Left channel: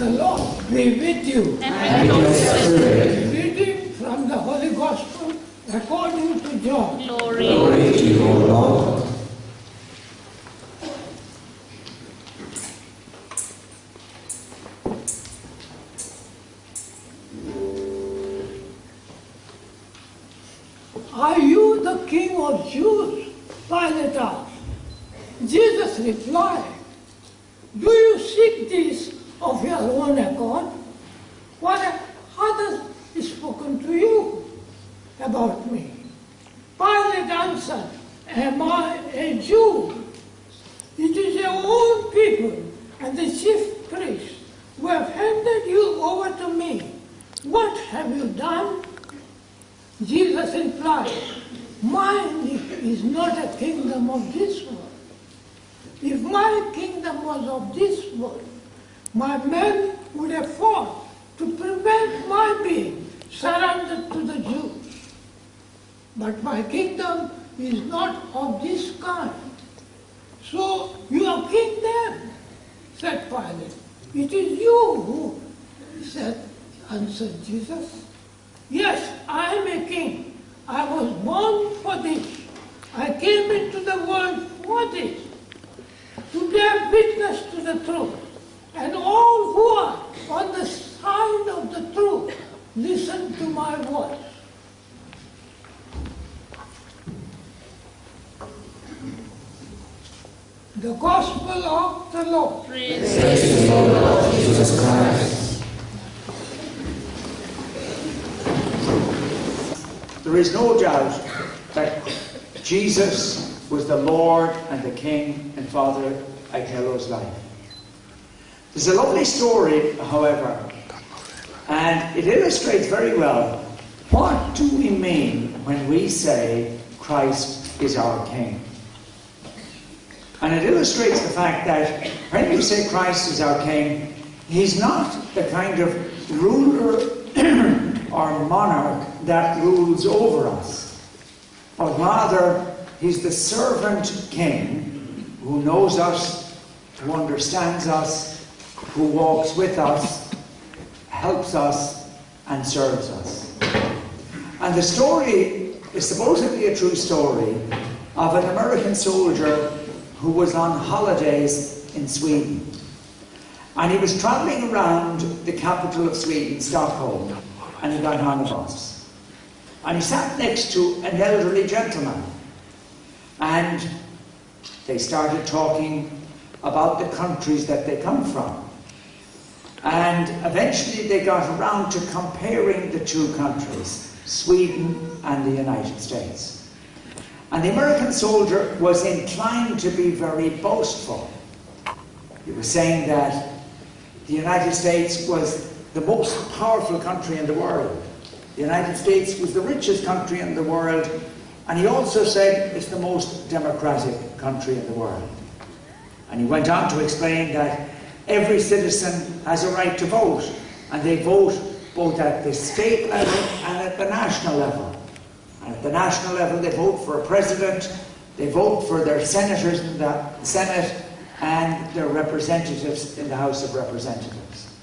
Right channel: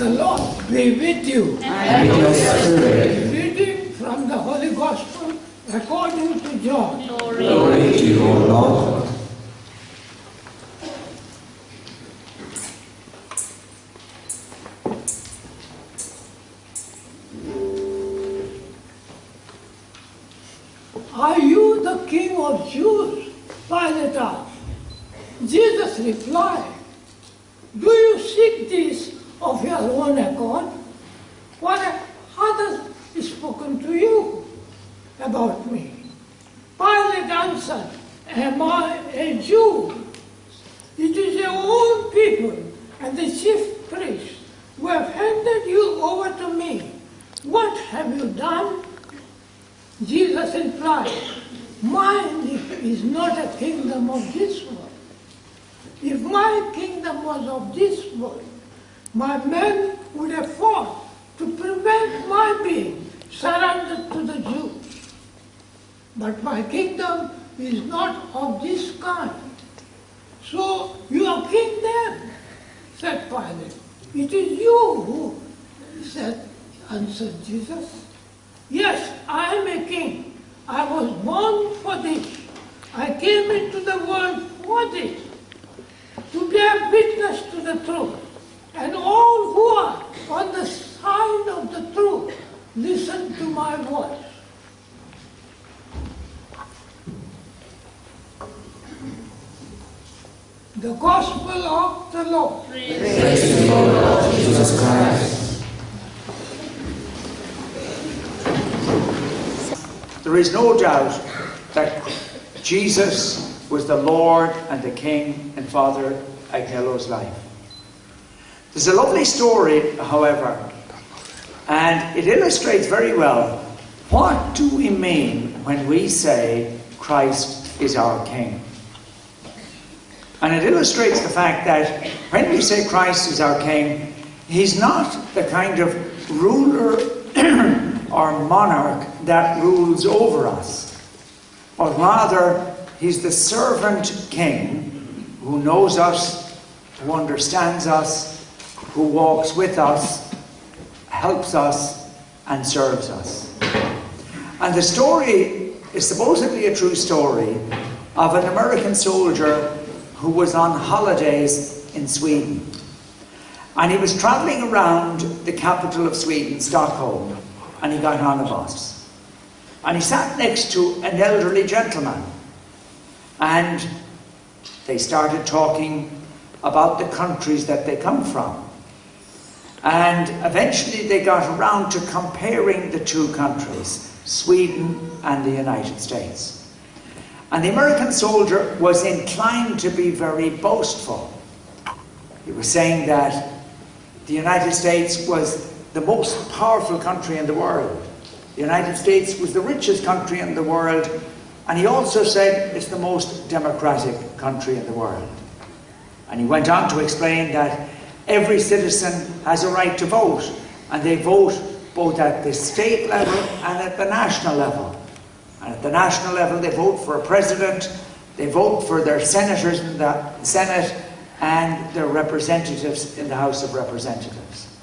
The Lord be with you. And with your spirit. Reading from the Holy Gospel according to John. Glory to you, O Lord. Are you the King of Jews? Pilate asked. Jesus replied, do you seek this of your own accord? What have others spoken to you about me? Pilate answered, am I a Jew? It is your own people and the chief priests who have handed you over to me. What have you done? Jesus replied, mine is not a kingdom of this world. If my kingdom was of this world, my men would have fought to prevent my being surrendered to the Jews. But my kingdom is not of this kind. So you are king then, said Pilate. It is you who answered Jesus. Yes, I am a king. I was born for this. I came into the world for this, to bear witness to the truth. And all who are on the side of the truth, listen to my voice. The Gospel of the Lord. Praise to you, Lord Jesus Christ. There is no doubt that Jesus was the Lord and the King in Father Agnelo's life. There's a lovely story, however, and it illustrates very well what do we mean when we say Christ is our King. And it illustrates the fact that when we say Christ is our King, he's not the kind of ruler or monarch that rules over us, but rather he's the servant king who knows us, who understands us, who walks with us, helps us, and serves us. And the story is supposedly a true story of an American soldier who was on holidays in Sweden. And he was travelling around the capital of Sweden, Stockholm, and he got on a bus. And he sat next to an elderly gentleman. And they started talking about the countries that they come from. And eventually they got around to comparing the two countries, Sweden and the United States. And the American soldier was inclined to be very boastful. He was saying that the United States was the most powerful country in the world. The United States was the richest country in the world, and he also said it's the most democratic country in the world. And he went on to explain that every citizen has a right to vote, and they vote both at the state level and at the national level. And at the national level they vote for a president, they vote for their senators in the Senate, and their representatives in the House of Representatives.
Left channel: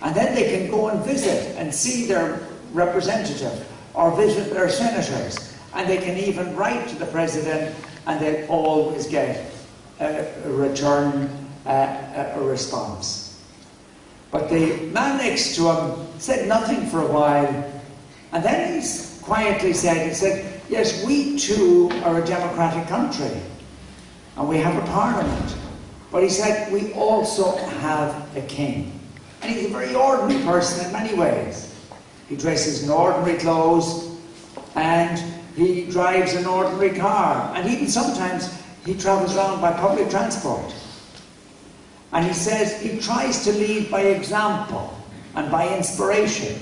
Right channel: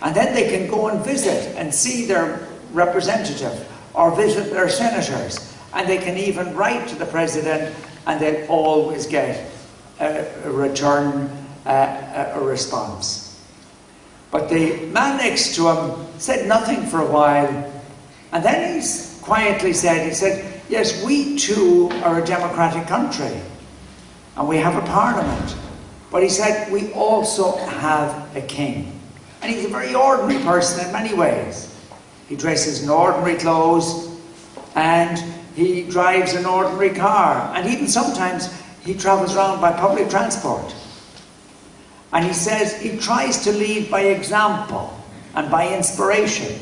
And then they can go and visit and see their representative or visit their senators, and they can even write to the president, and they'll always get a return, a response. But the man next to him said nothing for a while, and then he quietly said, yes, we too are a democratic country, and we have a parliament. But he said, we also have a king. And he's a very ordinary person in many ways. He dresses in ordinary clothes, and he drives an ordinary car, and even sometimes he travels around by public transport. And he says he tries to lead by example and by inspiration.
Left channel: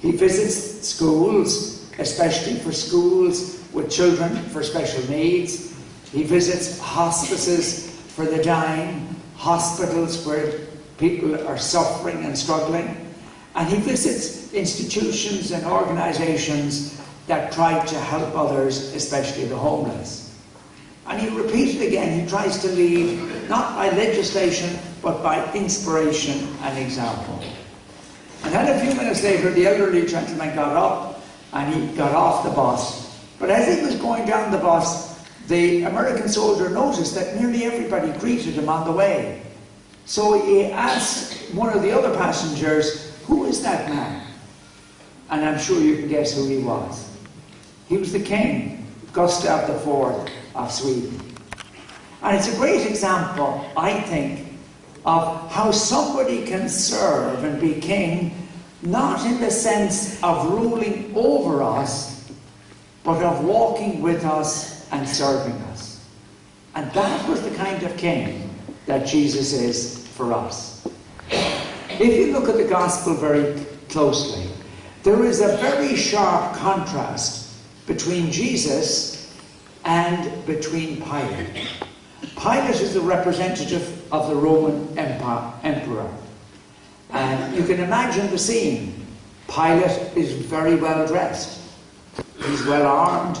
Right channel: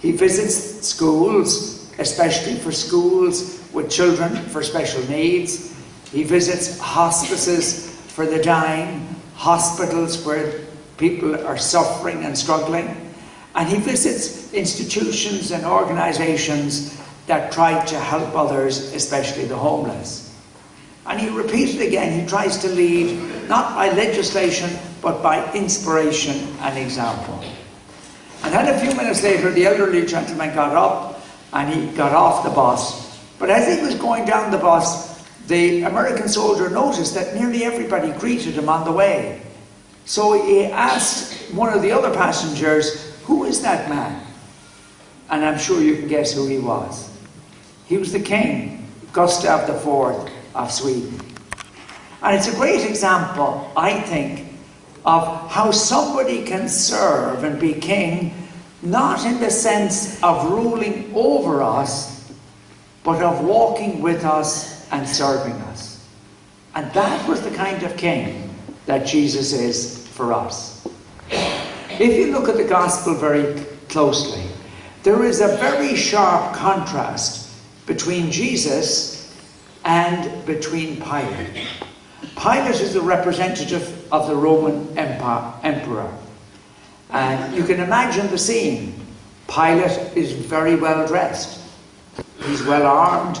He visits schools, especially for schools with children for special needs. He visits hospices for the dying, hospitals where people are suffering and struggling. And he visits institutions and organizations that try to help others, especially the homeless. And he repeated again, he tries to lead not by legislation, but by inspiration and example. And then a few minutes later, the elderly gentleman got up and he got off the bus. But as he was going down the bus, the American soldier noticed that nearly everybody greeted him on the way. So he asked one of the other passengers, "Who is that man?" And I'm sure you can guess who he was. He was the King, Gustav IV of Sweden. And it's a great example, I think, of how somebody can serve and be king, not in the sense of ruling over us, but of walking with us and serving us. And that was the kind of king that Jesus is for us. If you look at the gospel very closely, there is a very sharp contrast between Jesus and between Pilate. Pilate is the representative of the Roman emperor. And you can imagine the scene. Pilate is very well dressed. He's well armed.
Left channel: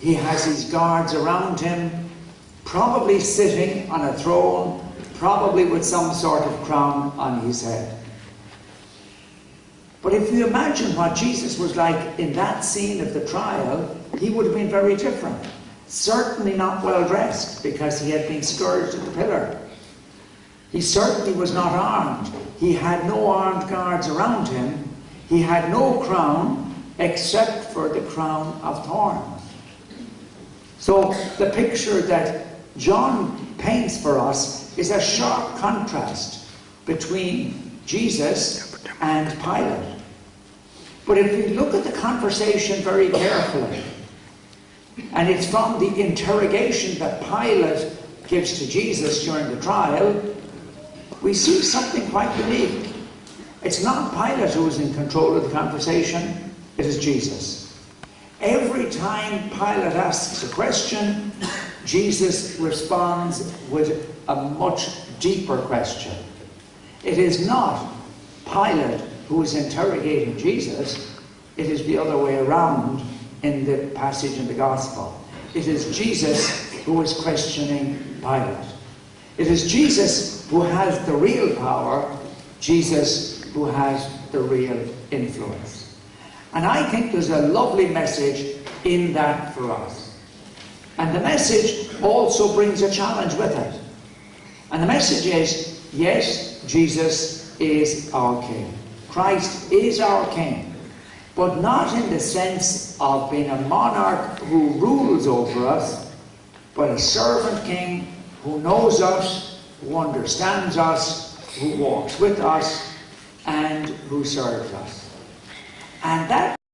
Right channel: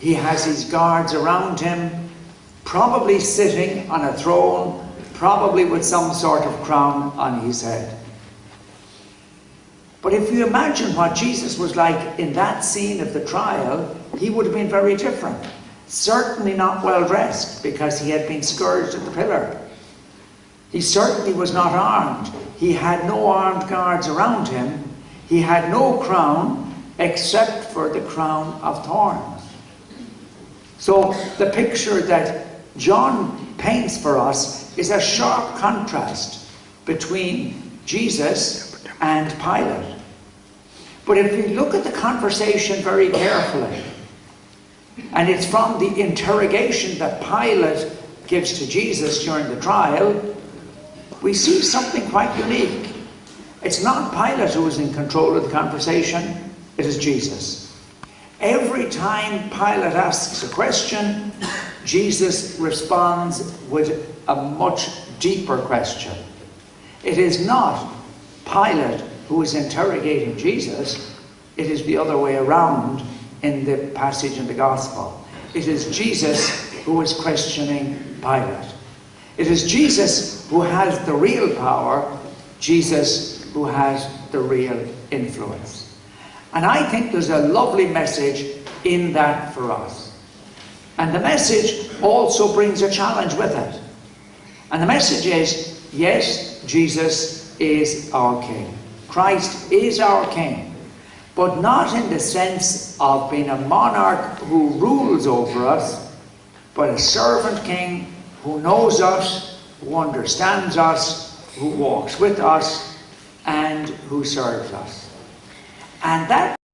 He has his guards around him, probably sitting on a throne, probably with some sort of crown on his head. But if you imagine what Jesus was like in that scene of the trial, he would have been very different. Certainly not well dressed, because he had been scourged at the pillar. He certainly was not armed. He had no armed guards around him. He had no crown except for the crown of thorns. So the picture that John paints for us is a sharp contrast between Jesus and Pilate. But if we look at the conversation very carefully, and it's from the interrogation that Pilate gives to Jesus during the trial, we see something quite unique. It's not Pilate who is in control of the conversation, it is Jesus. Every time Pilate asks a question, Jesus responds with a much deeper question. It is not Pilate who is interrogating Jesus, it is the other way around in the passage in the Gospel. It is Jesus who is questioning Pilate. It is Jesus who has the real power, Jesus who has the real influence. And I think there's a lovely message in that for us. And the message also brings a challenge with it. And the message is, yes, Jesus is our King. Christ is our King. But not in the sense of being a monarch who rules over us, but a servant king who knows us, who understands us, who walks with us, and who serves us. And that